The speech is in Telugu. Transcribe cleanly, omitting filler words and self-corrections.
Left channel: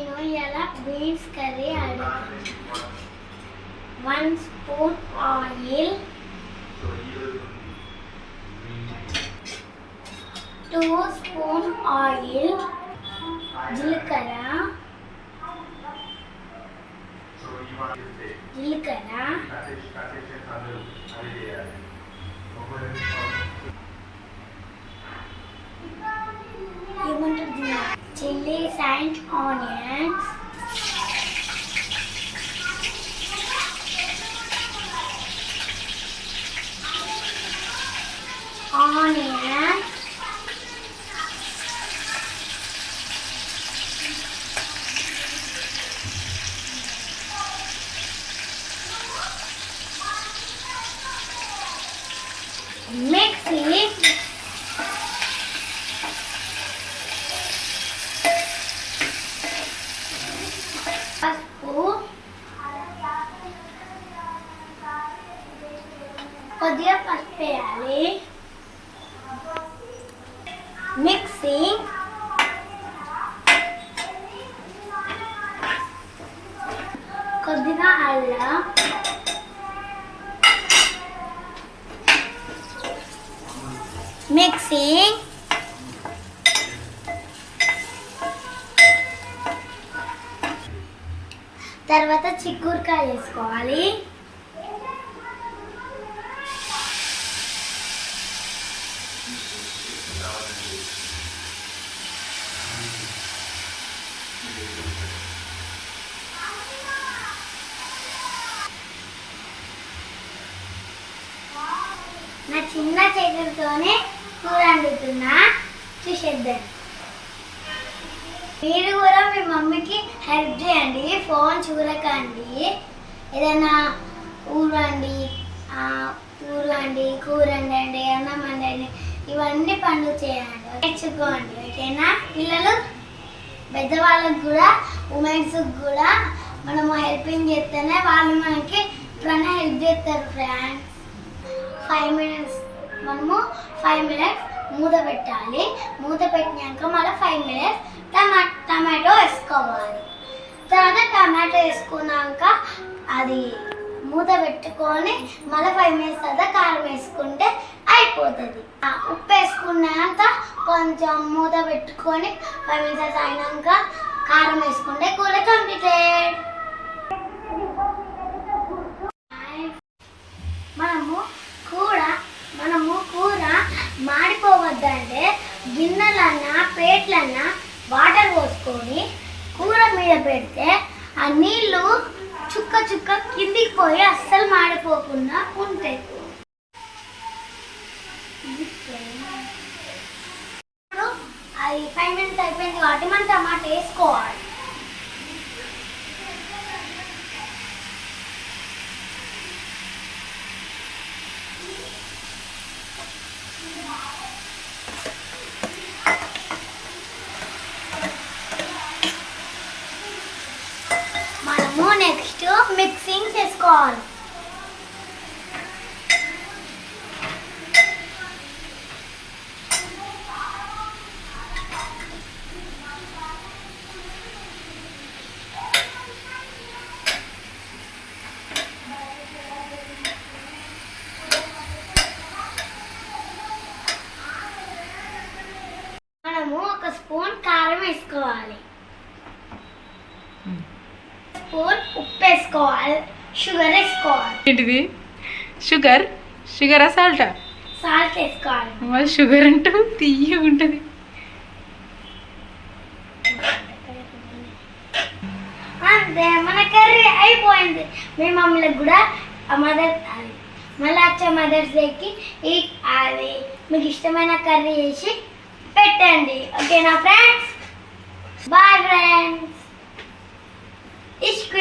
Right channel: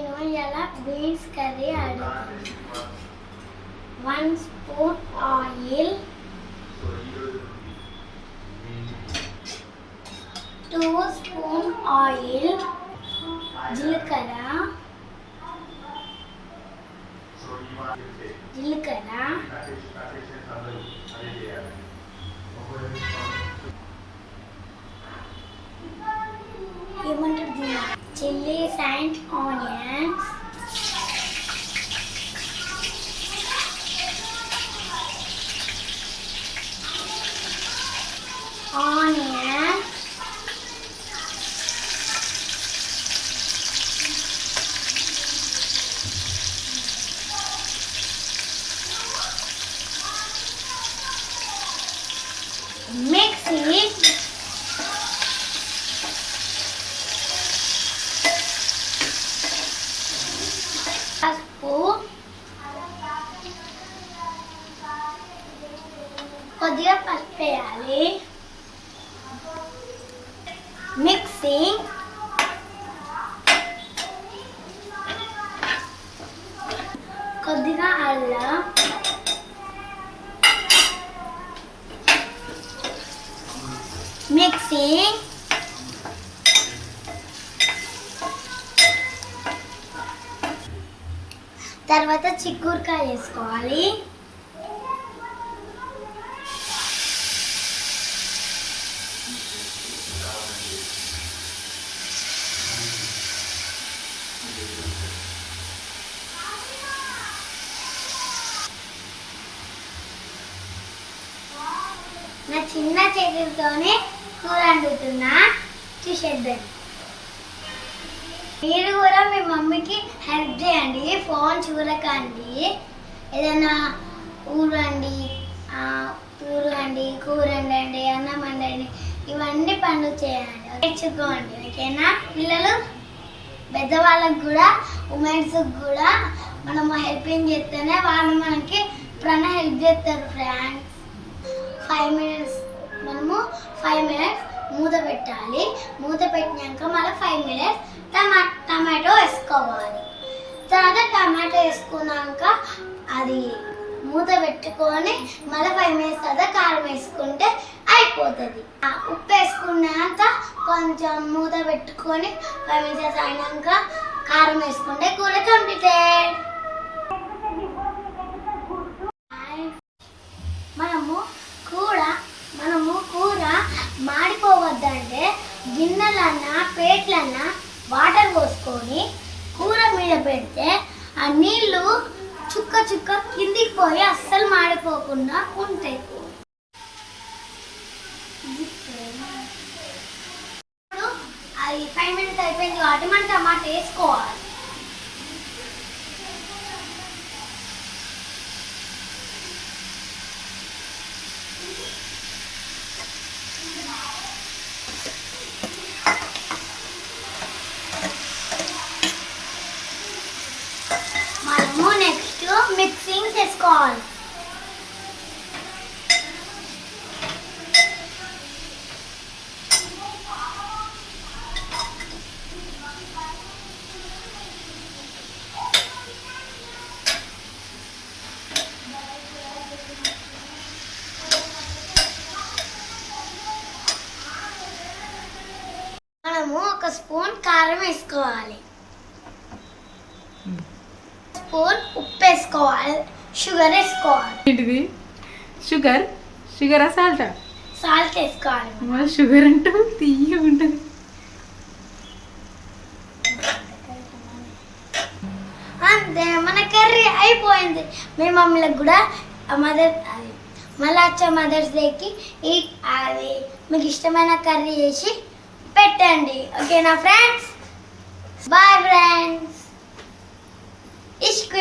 నేను ఇలా బీన్స్ కర్రీ అడుగుతాను. 1 స్పూన్ ఆయిల్, 2 స్పూన్ ఆయిల్, జీలకర్ర, ఏమంటుంది chillies and onions, mix it. పసుపు, కొద్దిగా పసుపు వేయాలి. మిక్సింగ్, కొద్దిగా అల్లం, మిక్సింగ్, తర్వాత చిక్కుడుకాయ వేసుకోవాలి. నా చిన్న చేతులతోనే కూర వండుతున్నా, చూసేద్దాం. మీరు కూడా మీ మమ్మీకి హెల్ప్ చేయండి. ఫోన్ చూడకండి. ఏదైనా ఊరండి, కూర వండండి, అన్నం వండండి, ఇవన్నీ పనులు చేయండి, నేర్చుకోండి. ఓకేనా పిల్లలు? పెద్దవాళ్ళకి కూడా, ఉమెన్స్కి కూడా మనము హెల్పింగ్ చేస్తేనే వాళ్ళు మనకి ఎప్పుడైనా హెల్ప్ చేస్తారు. ఫ్రెండ్స్ 5 మినిట్స్ మనము 5 మినిట్స్ మూత పెట్టాలి. మూత పెట్టినాక మళ్ళీ 5 మినిట్స్ టమాటో వేసుకోవాలి. తర్వాత టమాటో వేసుకున్నాక అది మూత పెట్టుకొని మళ్ళీ 5 మినిట్స్ తర్వాత కారం వేసుకుంటే అయిపోతుంది. ఉప్పు వేసుకున్నాక కొంచెం మూత పెట్టుకొని 5 మినిట్స్ అయినాక కారం వేసుకుంటే కూర కంప్లీటెడ్. మనము కూర మాడిపోవద్దంటే గిన్నెలన్నా ప్లేట్లన్నా వాటర్ పోసుకొని కూర మీద పెడితే ఆ నీళ్లు చుక్క చుక్క కిందికి పోయి అస్సలు మాడిపోకుండా ఉంటాయి. అది 5 మినిట్స్ అయిపోయింది కాబట్టి మనం టమాటా వేసుకోవాలి. నెక్స్ట్ మిక్సింగ్ చేసుకోవాలి. మనము 1 స్పూన్ కారం వేసుకోవాలి, స్పూన్ ఉప్పు వేసుకోవాలి, షుగర్ వేసుకోవాలి. ఏంటిది? షుగరా సాల్టా? సాల్ట్ వేసుకోవాలి. మరి షుగర్ అంటే తీయగా ఉంటుంది. అంతే, మన కర్రీ అయిపోయింది. మీ మమ్మీలకు కూడా మళ్ళీ వచ్చే మదర్స్ డేకి అది మీకు ఇష్టమైన కర్రీ చేసి పెట్టండి. ఓకేనా ఫ్రెండ్స్? Bye friends. ఇష్క్